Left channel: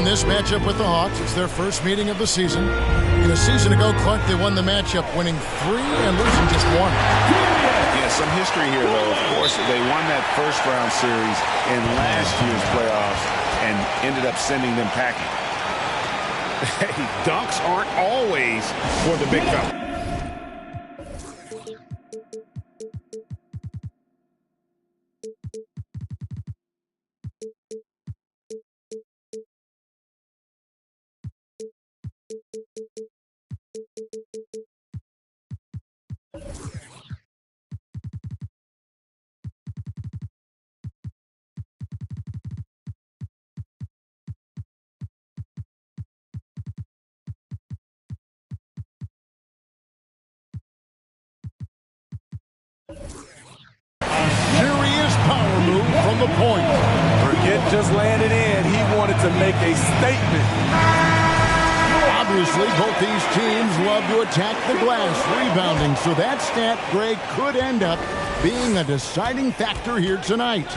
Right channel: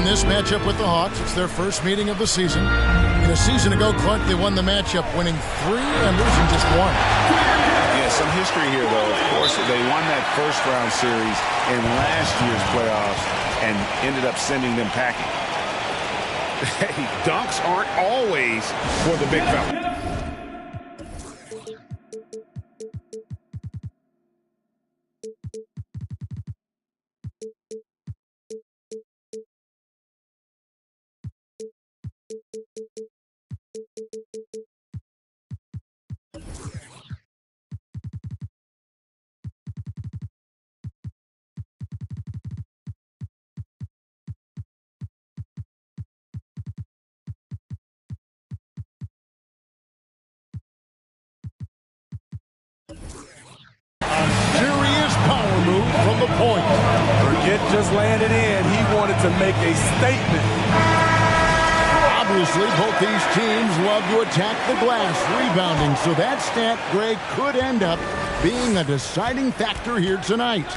In this matchup with the Hawks, it's their first meeting of the season. A season ago, Clark, they won the matchup, winning 3 and losing just 1. Yeah, some history here, though. Of course, they won that first-round series in last year's playoffs and ended up sending them packing. Hey, dunks aren't always for the big fella. Serious power move from the point. Forget just laying it in. He wanted to make a statement. Obviously, both these teams love to attack the glass, rebounding, so that stat, Greg, could end up being a deciding factor here tonight.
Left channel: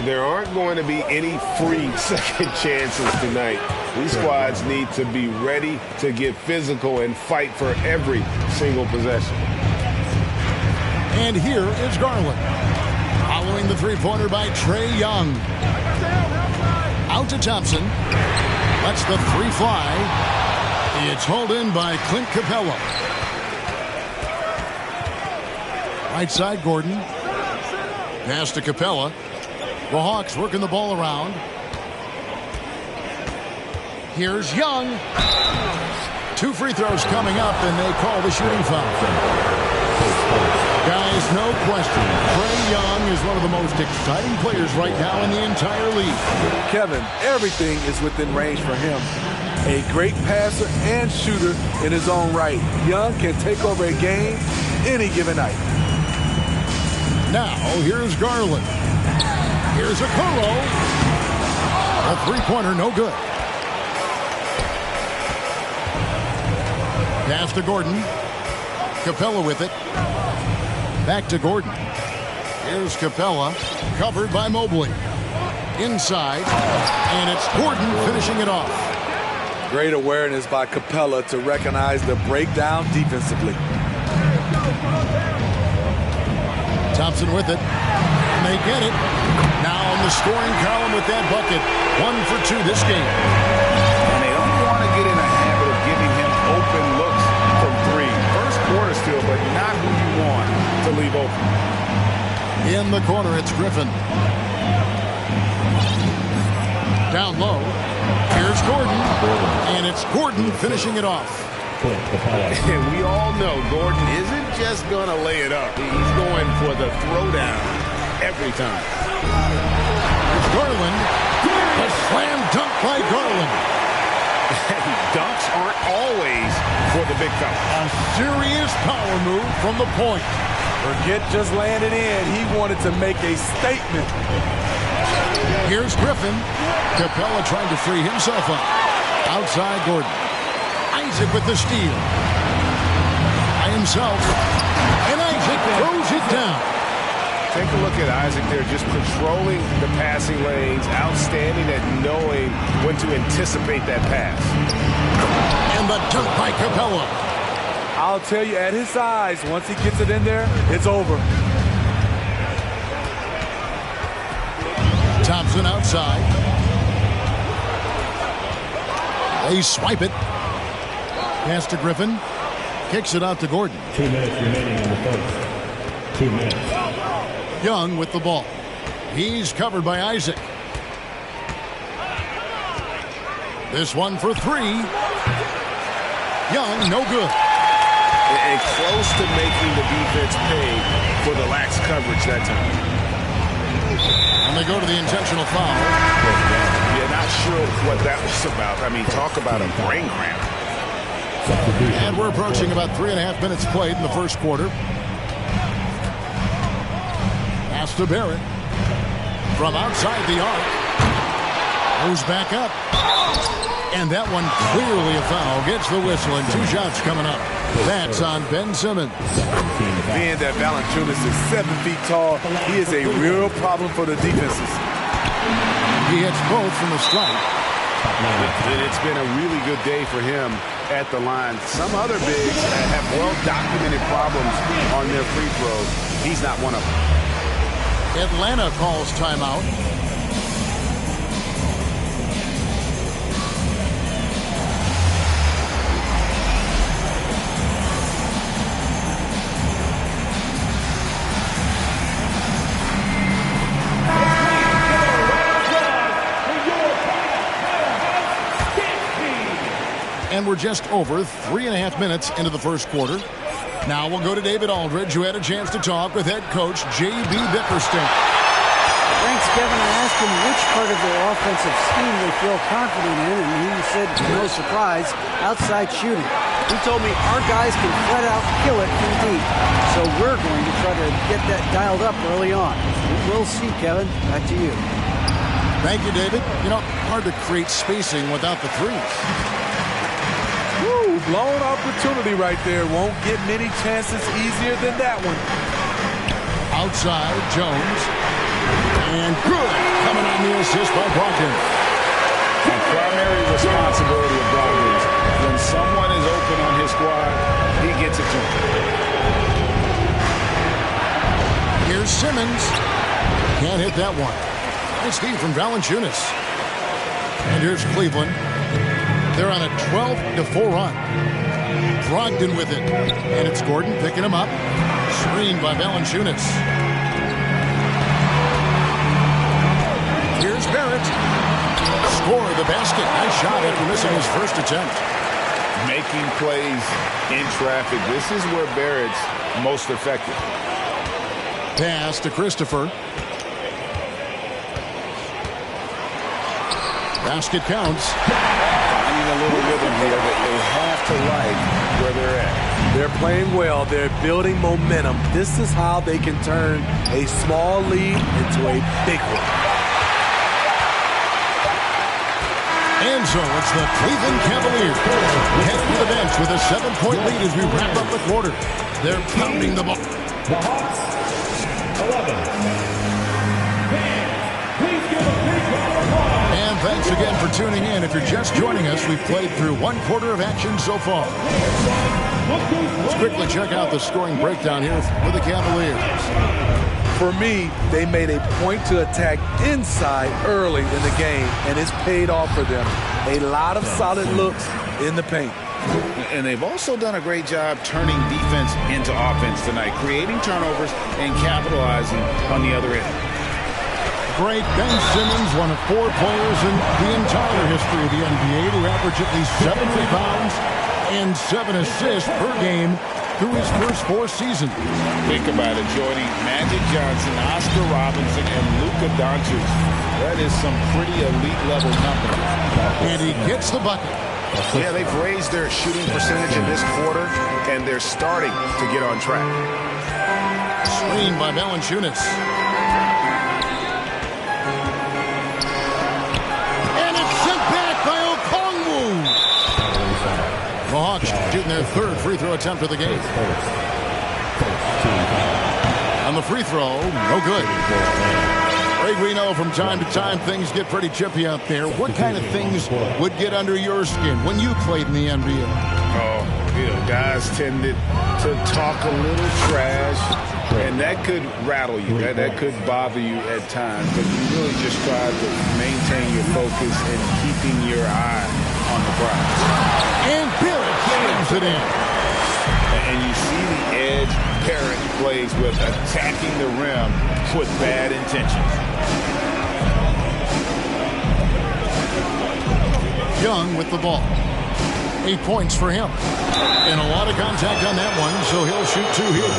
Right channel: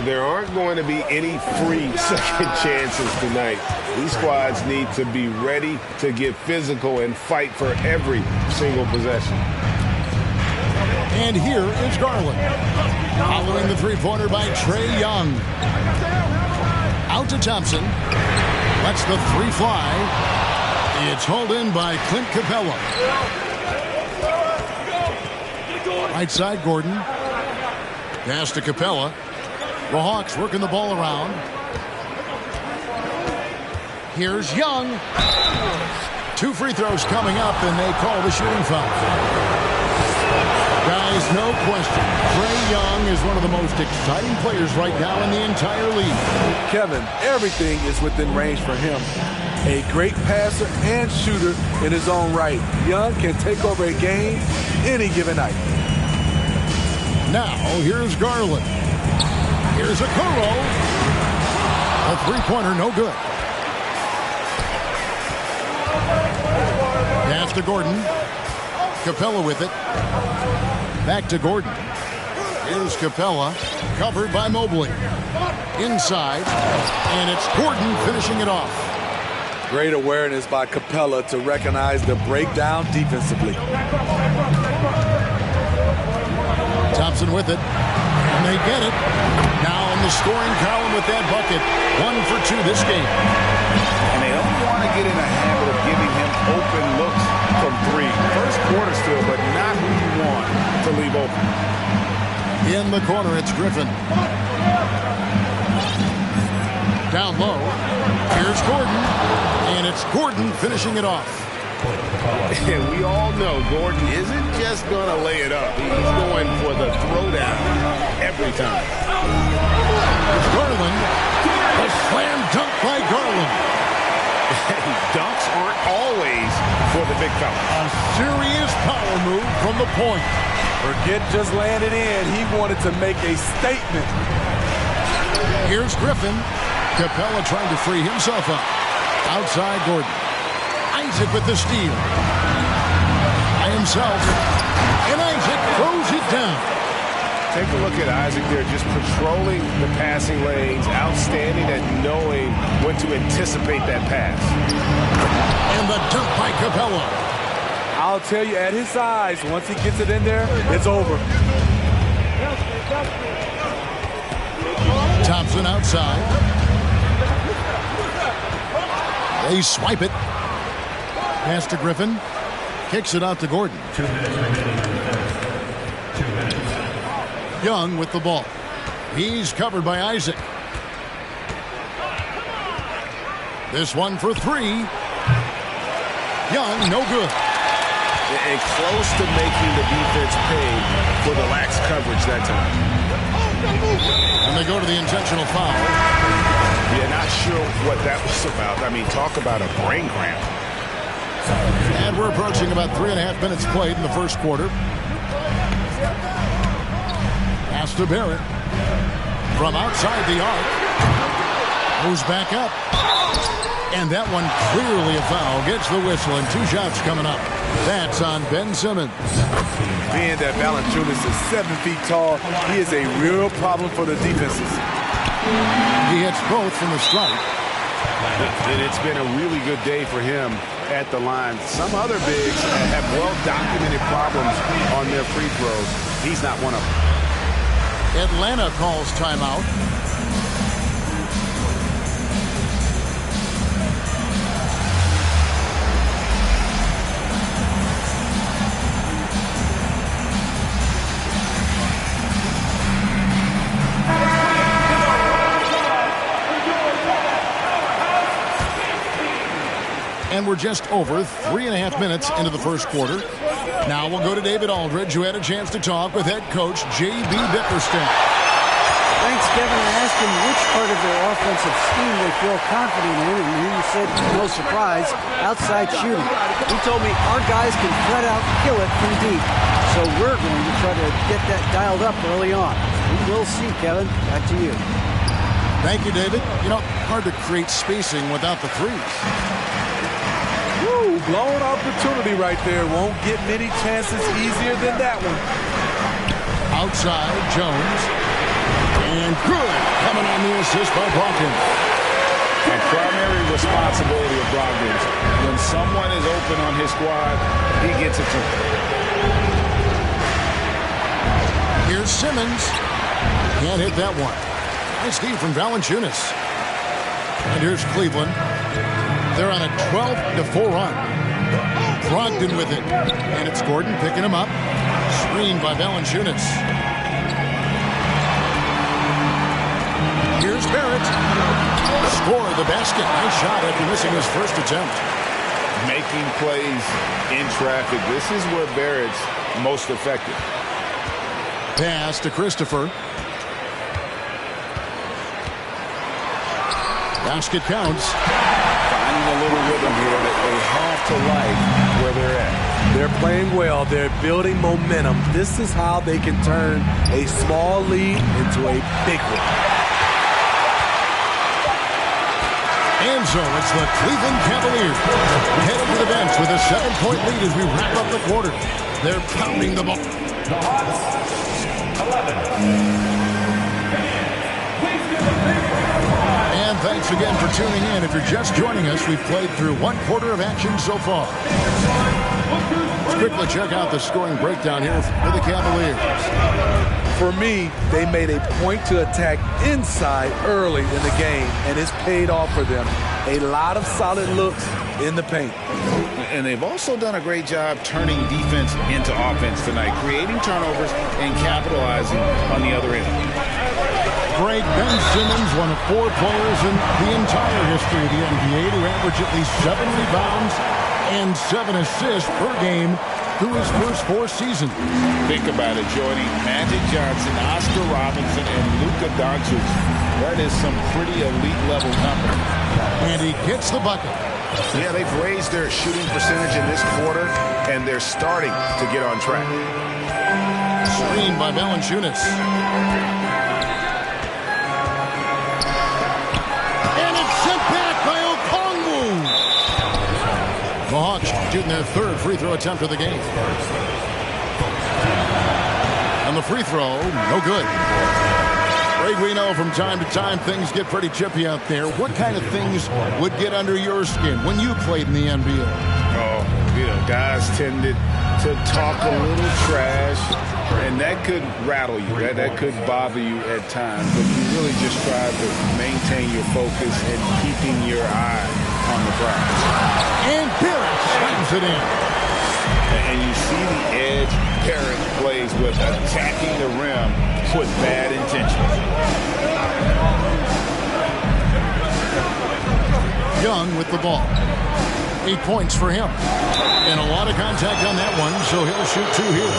There aren't going to be any free second chances tonight. These squads need to be ready to get physical and fight for every single possession. And here is Garland. Following the three-pointer by Trae Young. Out to Thompson. Lets the three fly. It's hauled in by Clint Capella. Right side, Gordon. Pass to Capella. The Hawks working the ball around. Here's Young. 2 free throws coming up, and they call the shooting foul. Guys, no question, Trae Young is one of the most exciting players right now in the entire league. Kevin, everything is within range for him. A great passer and shooter in his own right. Young can take over a game any given night. Now, here's Garland. Here's Okoro. A three-pointer, no good. Pass to Gordon. Capella with it. Back to Gordon. Here's Capella, covered by Mobley. Inside, and it's Gordon finishing it off. Great awareness by Capella to recognize the breakdown defensively. Thompson with it, and they get it. Now in the scoring column with that bucket. 1 for 2 this game. And they don't want to get in a habit of giving him open looks from 3. First quarter still, but not who you want to leave open. In the corner, it's Griffin. Down low. Here's Gordon. And it's Gordon finishing it off. And we all know Gordon isn't just going to lay it up. He's going for the throwdown every time. It's Garland. The slam dunk by Garland. Hey, dunks aren't always for the big fella. A serious power move from the point. Forget just laying it in. He wanted to make a statement. Here's Griffin. Capella trying to free himself up. Outside Gordon. Isaac with the steal. By himself. And Isaac throws it down. Take a look at Isaac there, just patrolling the passing lanes, outstanding at knowing when to anticipate that pass. And the dunk by Capella. I'll tell you, at his size, once he gets it in there, it's over. Thompson outside. They swipe it. Pass to Griffin. Kicks it out to Gordon. 2 minutes remaining in the fourth. 2 minutes. Young with the ball. He's covered by Isaac. This one for 3. Young, no good. And close to making the defense pay for the lax coverage that time. And they go to the intentional foul. Yeah, not sure what that was about. I mean, talk about a brain cramp. And we're approaching about 3.5 minutes played in the first quarter. Pass to Barrett. From outside the arc. Goes back up. And that one clearly a foul. Gets the whistle and 2 shots coming up. That's on Ben Simmons. Being that Valanciunas is 7 feet tall, he is a real problem for the defenses. He hits both from the stripe. It's been a really good day for him at the line. Some other bigs have well-documented problems on their free throws. He's not one of them. Atlanta calls timeout. And we're just over 3.5 minutes into the first quarter. Now we'll go to David Aldridge, who had a chance to talk with head coach J.B. Bickerstaff. Thanks, Kevin. I asked him which part of their offensive scheme they feel confident in, and he said, no surprise, outside shooting. He told me our guys can flat out kill it from deep, so we're going to try to get that dialed up early on. We will see, Kevin. Back to you. Thank you, David. You know, hard to create spacing without the threes. Woo, blown opportunity right there. Won't get many chances easier than that one. Outside, Jones. And good. Coming on the assist by Brogdon. A primary responsibility of Brogdon is when someone is open on his squad, he gets it to him. Here's Simmons. Can't hit that one. Nice D from Valanciunas. And here's Cleveland. They're on a 12-4 run. Brogdon with it. And it's Gordon picking him up. Screened by Valanciunas. Here's Barrett. Score the basket. Nice shot after missing his first attempt. Making plays in traffic. This is where Barrett's most effective. Pass to Christopher. Basket counts. Finding a little rhythm here that they have to like where they're at. They're playing well. They're building momentum. This is how they can turn a small lead into a big one. And so it's the Cleveland Cavaliers heading to the bench with a 7-point lead as we wrap up the quarter. They're pounding the ball. The Hawks, 11. And thanks again for tuning in. If you're just joining us, we've played through one quarter of action so far. Let's quickly check out the scoring breakdown here for the Cavaliers. For me, they made a point to attack inside early in the game, and it's paid off for them. A lot of solid looks in the paint. And they've also done a great job turning defense into offense tonight, creating turnovers and capitalizing on the other end. Great. Ben Simmons, one of 4 players in the entire history of the NBA to average at least 7 rebounds and 7 assists per game through his first 4 seasons. Think about it, joining Magic Johnson, Oscar Robertson, and Luka Doncic. That is some pretty elite-level company. And he gets the bucket. Yeah, they've raised their shooting percentage in this quarter, and they're starting to get on track. Screened by Valanciunas. And it's sent back by Okongwu. The Hawks shooting their 3rd free throw attempt of the game. And the free throw, no good. Greg, we know from time to time things get pretty chippy out there. What kind of things would get under your skin when you played in the NBA? Oh, you know, guys tended to talk a little trash, and that could rattle you. That could bother you at times, but you really just try to maintain your focus and keeping your eye on the prize. And Barrett slams it in. And you see the edge Barrett plays with, attacking the rim with bad intentions. Young with the ball. 8 points for him. And a lot of contact on that one, so he'll shoot 2 here.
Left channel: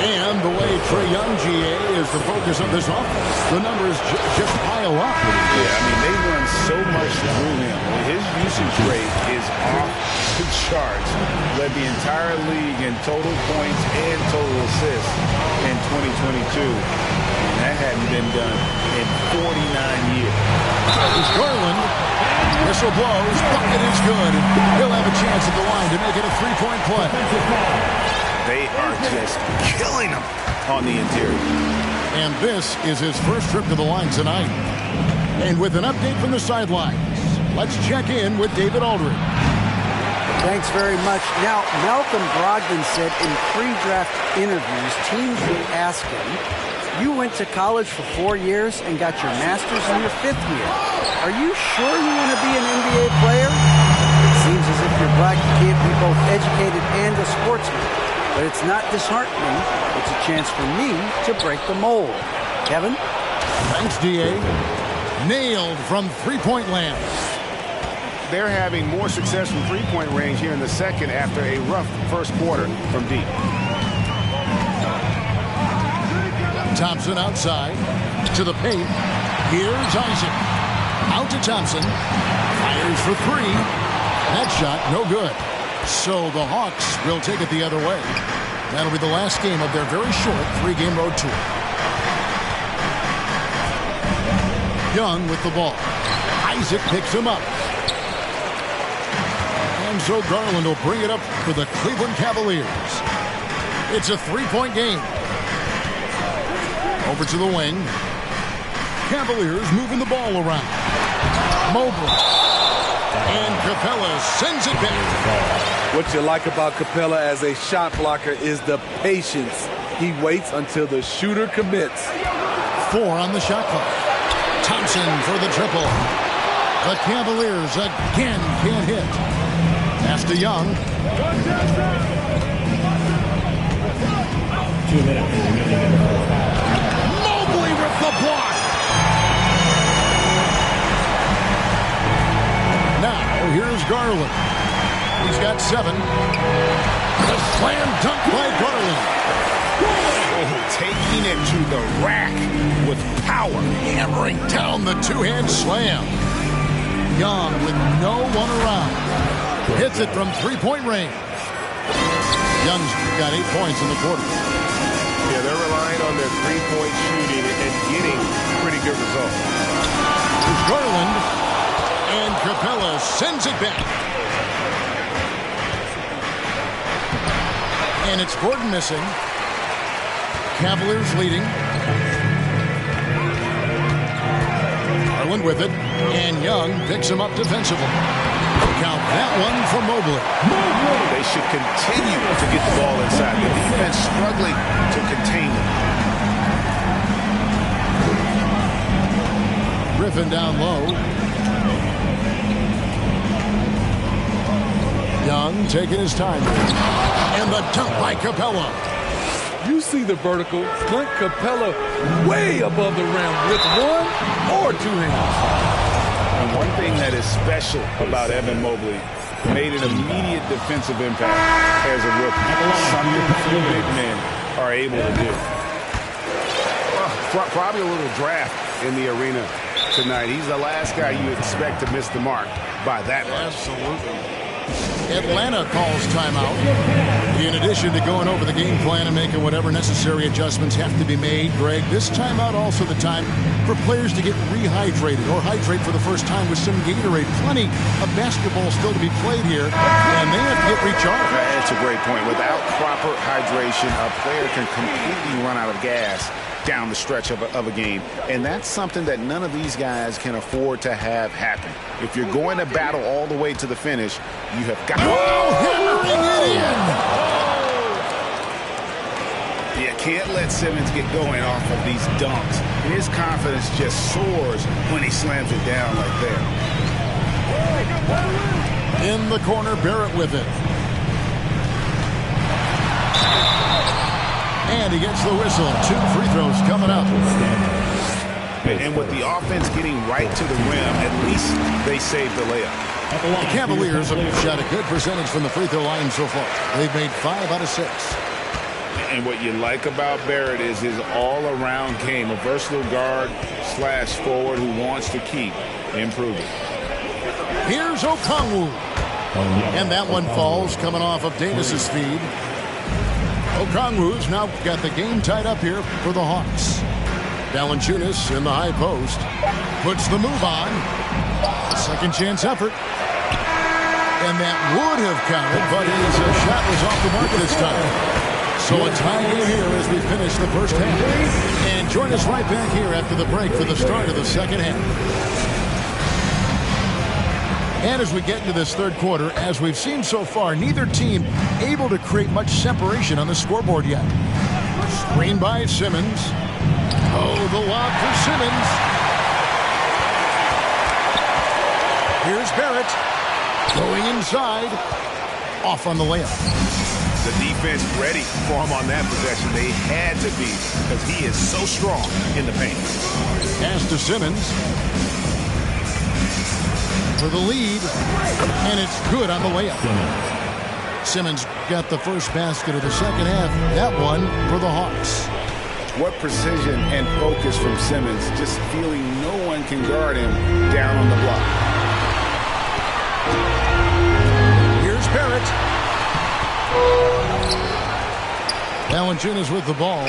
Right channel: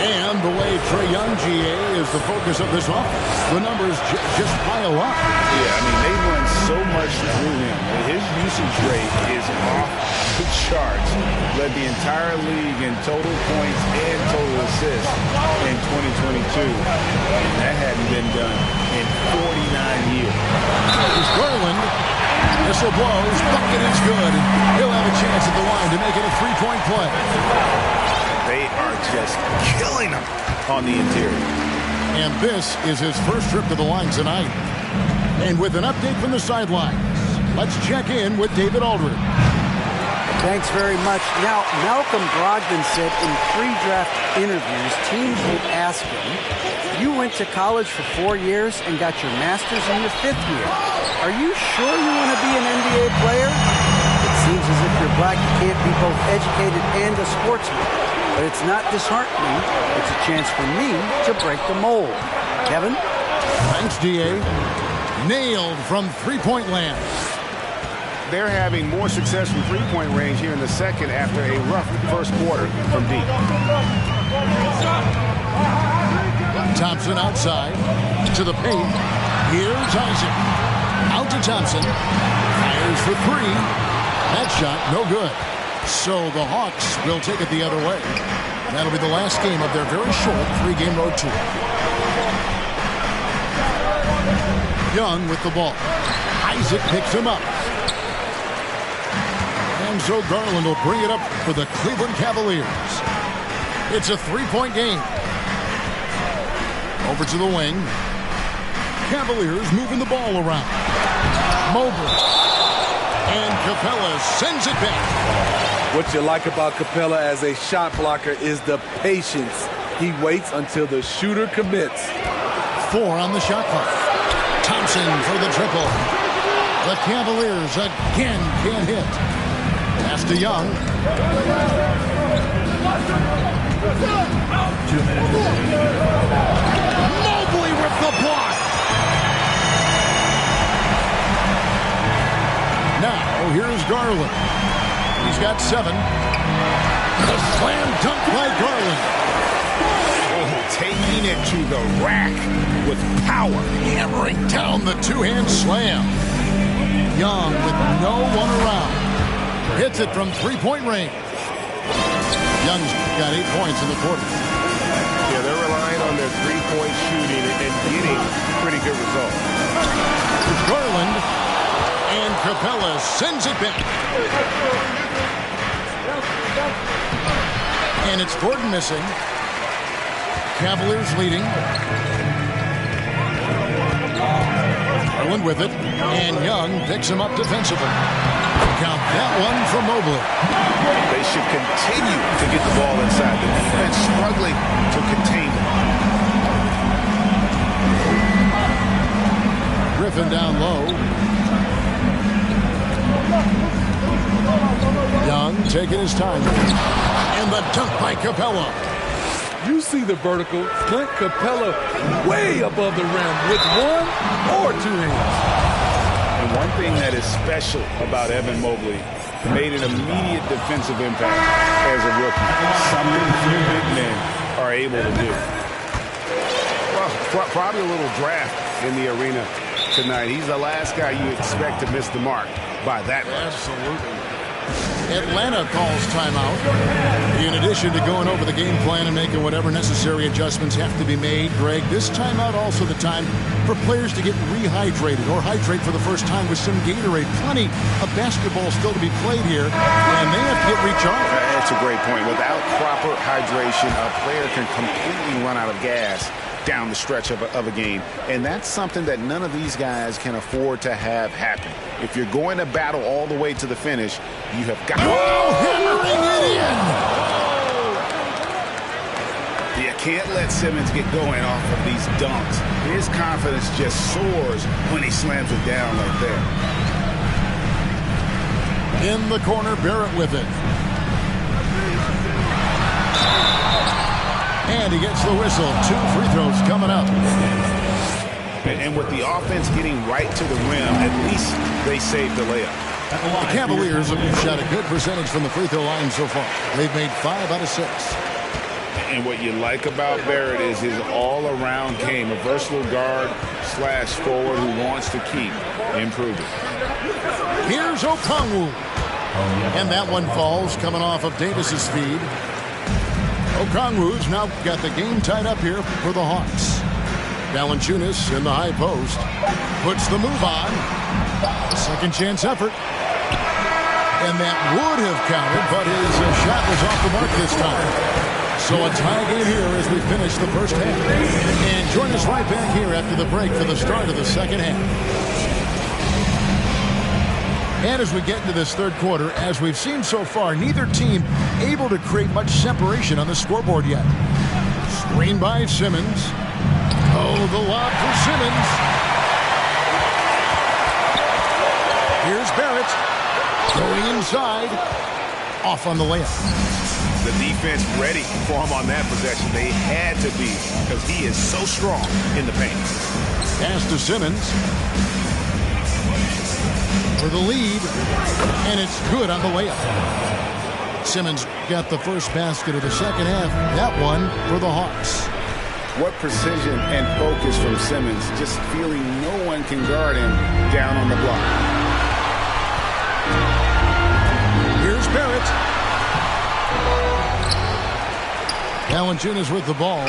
And the way Trae Young, GA, is the focus of this offense. The numbers just pile up. Yeah, I mean, they run so much through him. His usage rate is off the charts. Led the entire league in total points and total assists in 2022. And that hadn't been done in 49 years. Here's Garland. Whistle blows. Bucket is good. And he'll have a chance at the line to make it a 3-point play. They are just killing him on the interior. And this is his first trip to the line tonight. And with an update from the sidelines, Let's check in with David Aldridge. Thanks very much. Now, Malcolm Brogdon said in pre-draft interviews, teams would ask him, you went to college for 4 years and got your master's in your 5th year. Are you sure you want to be an NBA player? It seems as if you're black, you can't be both educated and a sportsman. But it's not disheartening. It's a chance for me to break the mold. Kevin? Thanks, D.A. Nailed from three-point land. They're having more success from three-point range here in the second after a rough first quarter from deep. Thompson outside to the paint. Here's Isaac. Out to Thompson. Fires for three. That shot no good. So the Hawks will take it the other way. That'll be the last game of their very short 3-game road tour. Young with the ball. Isaac picks him up. And so Garland will bring it up for the Cleveland Cavaliers. It's a 3-point game. Over to the wing. Cavaliers moving the ball around. Mobley. And Capella sends it back. What you like about Capella as a shot blocker is the patience. He waits until the shooter commits. 4 on the shot clock. Thompson for the triple. The Cavaliers again can't hit. Pass to Young. 2 minutes. Mobley with the block. Now here's Garland. He's got 7. The slam dunk by Garland. Oh, taking it to the rack with power. Hammering down the two-hand slam. Young with no one around. Hits it from three-point range. Young's got 8 points in the quarter. Yeah, they're relying on their three-point shooting and getting pretty good results. There's Garland. And Capella sends it back. And it's Gordon missing. Cavaliers leading. Garland with it. And Young picks him up defensively. Count that one from Mobley. They should continue to get the ball inside. The defense struggling to contain them. Griffin down low. Young taking his time. And the dunk by Capella. You see the vertical. Clint Capella way above the rim with 1 or 2 hands. And one thing that is special about Evan Mobley, made an immediate defensive impact as a rookie. Something few big men are able to do. Well, probably a little draft in the arena tonight. He's the last guy you expect to miss the mark by that much. Absolutely. Atlanta calls timeout. In addition to going over the game plan and making whatever necessary adjustments have to be made, Greg, this timeout also the time for players to get rehydrated or hydrate for the first time with some Gatorade. Plenty of basketball still to be played here, and they have to get recharged. That's a great point. Without proper hydration, a player can completely run out of gas down the stretch of a game. And that's something that none of these guys can afford to have happen. If you're going to battle all the way to the finish, you have got... Oh, hammering it in! You can't let Simmons get going off of these dunks. His confidence just soars when he slams it down like that. In the corner, Barrett with it. And he gets the whistle. 2 free throws coming up. And with the offense getting right to the rim, at least they saved the layup. The Cavaliers have shot a good percentage from the free throw line so far. They've made 5 out of 6. And what you like about Barrett is his all-around game, a versatile guard / forward who wants to keep improving. Here's Okongwu. And that one falls coming off of Davis's feed. Okongwu's now got the game tied up here for the Hawks. Valanciunas in the high post. Puts the move on. A second chance effort. And that would have counted, but his shot was off the mark this time. So a tie game here as we finish the first half. And join us right back here after the break for the start of the second half. And as we get into this third quarter, as we've seen so far, neither team able to create much separation on the scoreboard yet. Screen by Simmons. Oh, the lob for Simmons. Here's Barrett. Going inside. Off on the layup. The defense ready for him on that possession. They had to be, because he is so strong in the paint. Pass to Simmons. For the lead. And it's good on the layup. Simmons got the first basket of the second half. That one for the Hawks. What precision and focus from Simmons, just feeling no one can guard him down on the block. Here's Barrett. Valanciunas with the ball.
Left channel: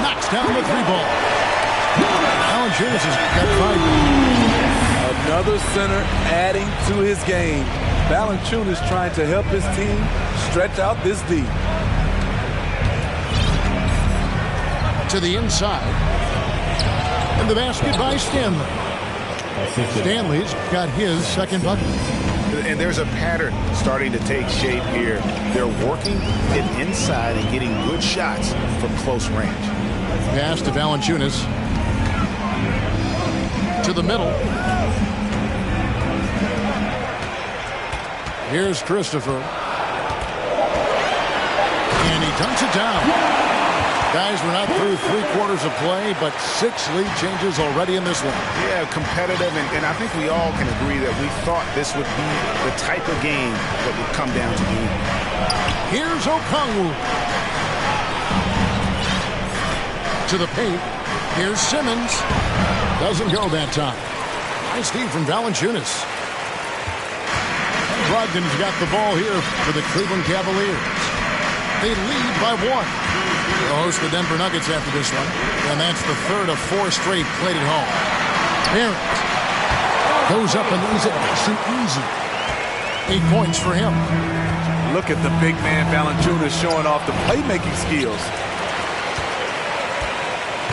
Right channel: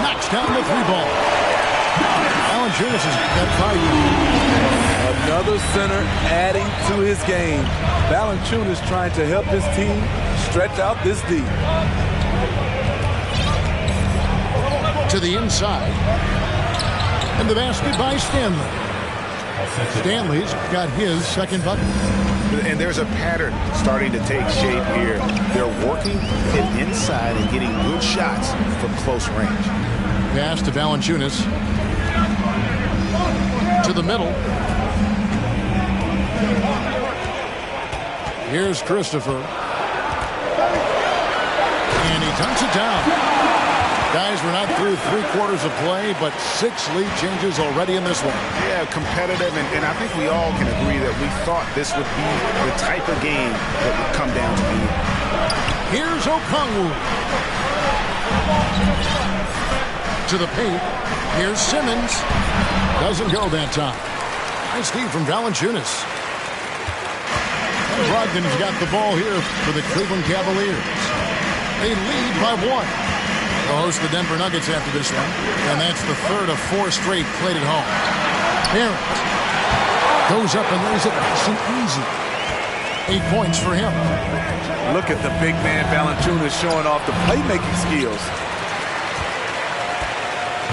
Knocks down the three ball. Valanciunas has got 5. Another center adding to his game. Valanciunas trying to help his team stretch out this D. To the inside. And the basket by Stanley. Stanley's got his second bucket. And there's a pattern starting to take shape here. They're working it inside and getting good shots from close range. Pass to Valanciunas. To the middle. Here's Christopher. And he dunks it down. Guys, we're not through 3 quarters of play, but 6 lead changes already in this one. Yeah, competitive, and I think we all can agree that we thought this would be the type of game that would come down to the end. Here's Okongwu. To the paint. Here's Simmons. Doesn't go that time. Nice feed from Valanciunas. And Brogdon's got the ball here for the Cleveland Cavaliers. They lead by 1. They'll host the Denver Nuggets after this one. And that's the third of 4 straight played at home. Barrett goes up and lays it nice and easy. 8 points for him. Look at the big man Valanciunas showing off the playmaking skills.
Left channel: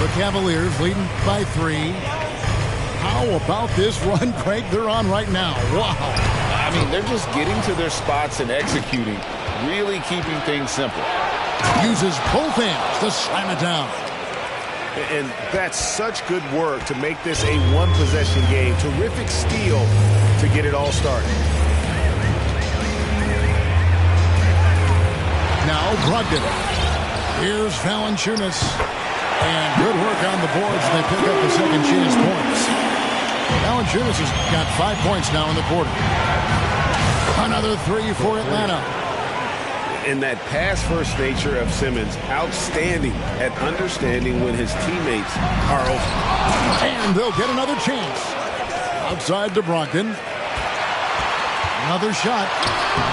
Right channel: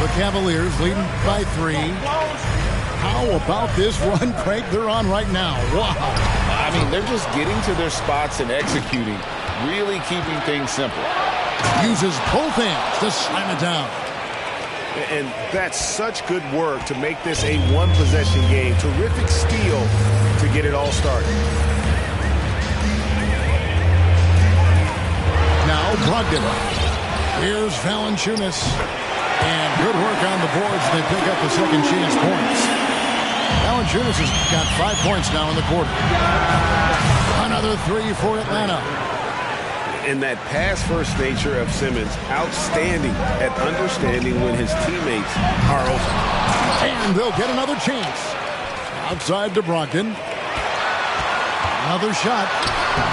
The Cavaliers leading by 3. How about this run, Craig, they're on right now? Wow. I mean, they're just getting to their spots and executing, really keeping things simple. Uses both hands to slam it down. And that's such good work to make this a one-possession game. Terrific steal to get it all started. Now Brogdon. Here's Valanciunas. And good work on the boards. They pick up the second chance points. Valanciunas has got 5 points now in the quarter. Another 3 for Atlanta. And that pass-first nature of Simmons, outstanding at understanding when his teammates are open. And they'll get another chance. Outside to Brogdon. Another shot.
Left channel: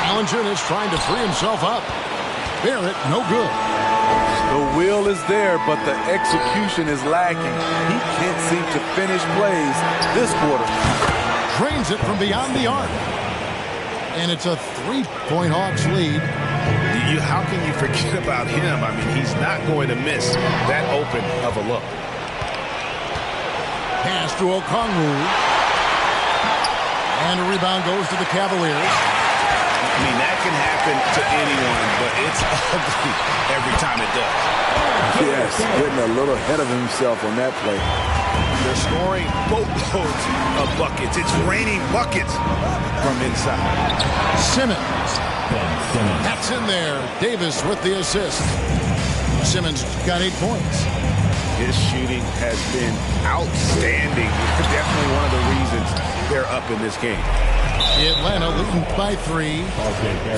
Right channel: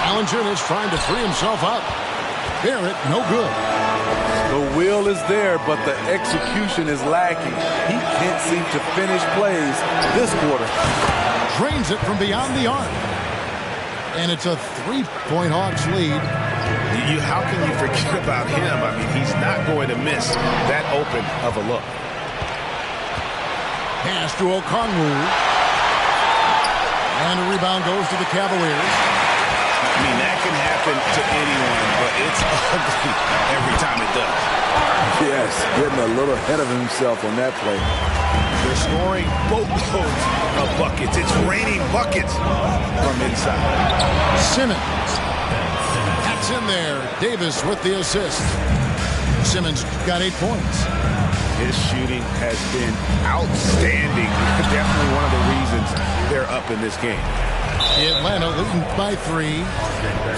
Valanciunas trying to free himself up. Barrett, no good. The will is there, but the execution is lacking. He can't seem to finish plays this quarter. Drains it from beyond the arc. And it's a 3-point Hawks lead. How can you forget about him? I mean, he's not going to miss that open of a look. Pass to Okongwu. And a rebound goes to the Cavaliers. I mean, that can happen to anyone, but it's ugly every time it does. Yes, getting a little ahead of himself on that play. They're scoring boatloads of buckets. It's raining buckets from inside. Simmons. That's in there. Davis with the assist. Simmons got 8 points. His shooting has been outstanding. Definitely one of the reasons they're up in this game. Atlanta leading by 3.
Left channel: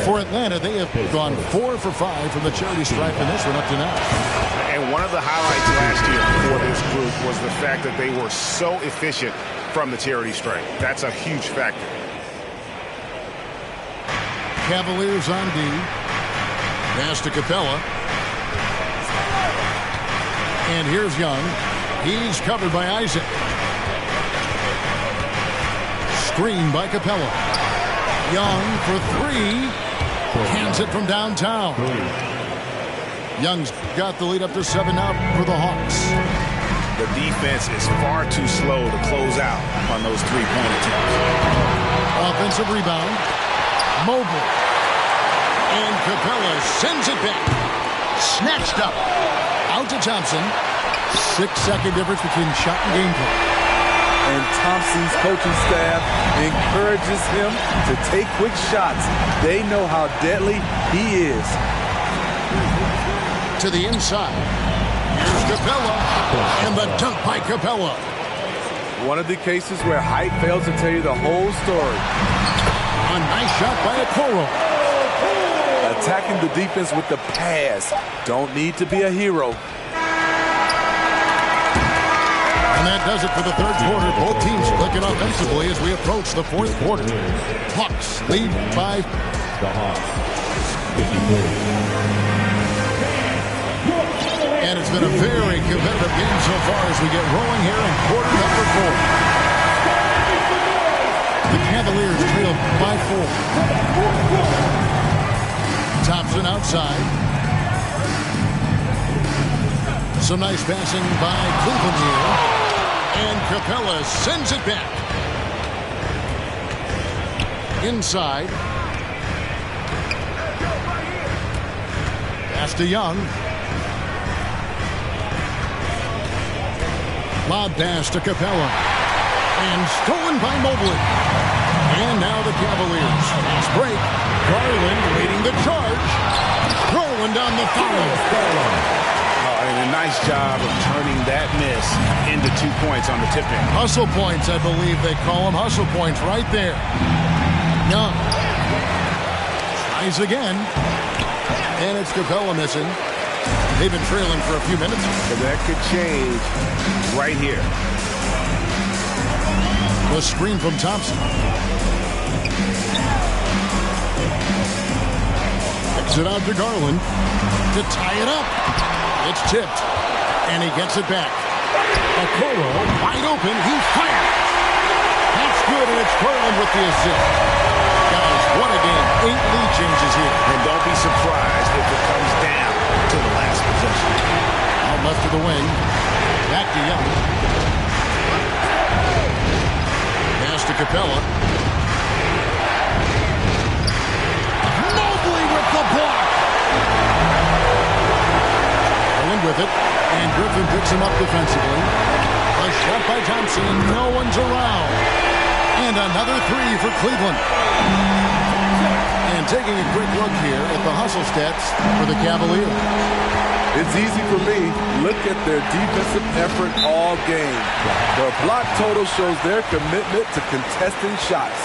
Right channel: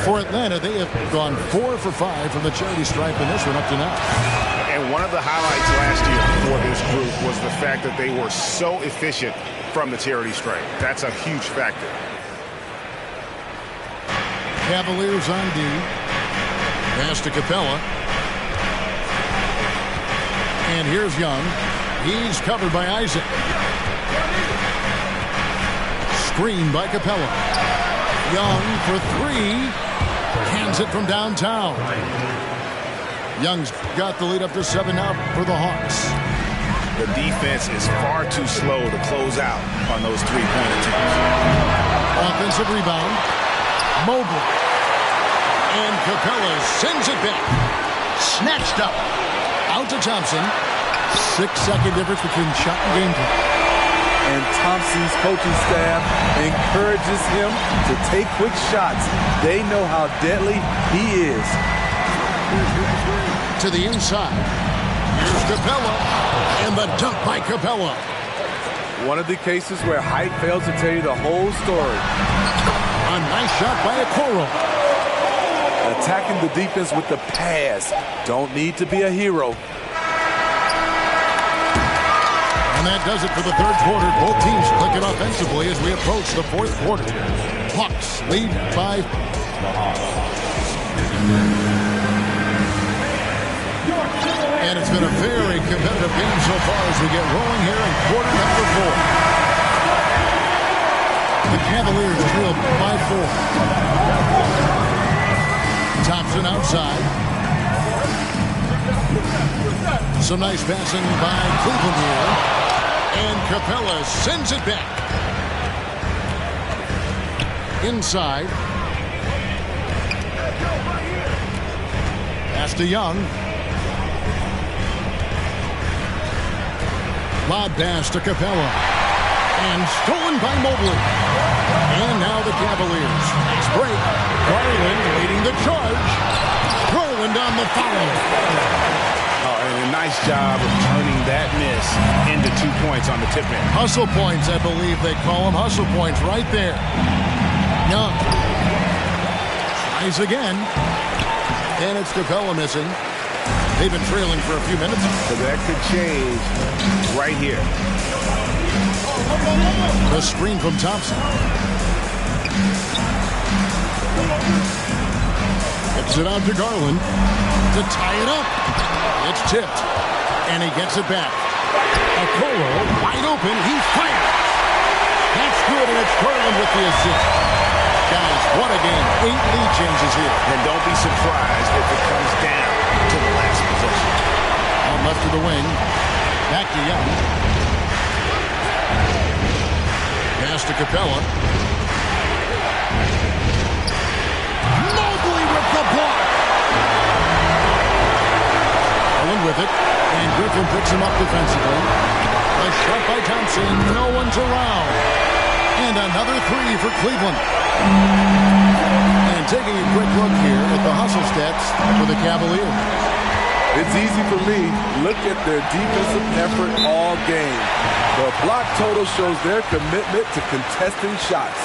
For Atlanta, they have gone 4 for 5 from the charity stripe in this one up to now. And one of the highlights last year for this group was the fact that they were so efficient from the charity stripe. That's a huge factor. Cavaliers on D. Pass to Capella. And here's Young. He's covered by Isaac. Screen by Capella. Young for 3. Cans it from downtown. Young's got the lead up to 7 now for the Hawks. The defense is far too slow to close out on those 3-point attempts. offensive rebound. Mobley. And Capella sends it back. Snatched up. Out to Thompson. 6-second difference between shot and game clock. And Thompson's coaching staff encourages him to take quick shots. They know how deadly he is. To the inside. Here's Capella. And the dunk by Capella. One of the cases where height fails to tell you the whole story. A nice shot by Okoro. Attacking the defense with the pass. Don't need to be a hero. And that does it for the third quarter. Both teams clicking offensively as we approach the fourth quarter. Hawks lead by. And it's been a very competitive game so far as we get rolling here in quarter number 4. The Cavaliers trail by 4. Thompson outside. Some nice passing by Cleveland here. And Capella sends it back. Inside. Pass to Young. Lob pass to Capella. And stolen by Mobley. And now the Cavaliers. Fast break. Garland leading the charge. Garland on the foul. Oh, and a nice job of turning that miss into 2 points on the tip in. Hustle points, I believe they call them. Hustle points right there. Young. Tries again. And it's Capella missing. They've been trailing for a few minutes. But that could change right here. The screen from Thompson. Kicks it out to Garland to tie it up. It's tipped, and he gets it back. Okoro wide open. He fires. That's good, and it's Garland with the assist. Guys, what a game. 8 lead changes here. And don't be surprised if it comes down to the last possession. Out left to the wing. Back to Young. Pass to Capella. Mobley with the block. Garland with it. And Griffin picks him up defensively. A shot by Thompson. No one's around. And another 3 for Cleveland. And taking a quick look here at the hustle stats for the Cavaliers. It's easy for me. Look at their defensive effort all game. The block total shows their commitment to contesting shots.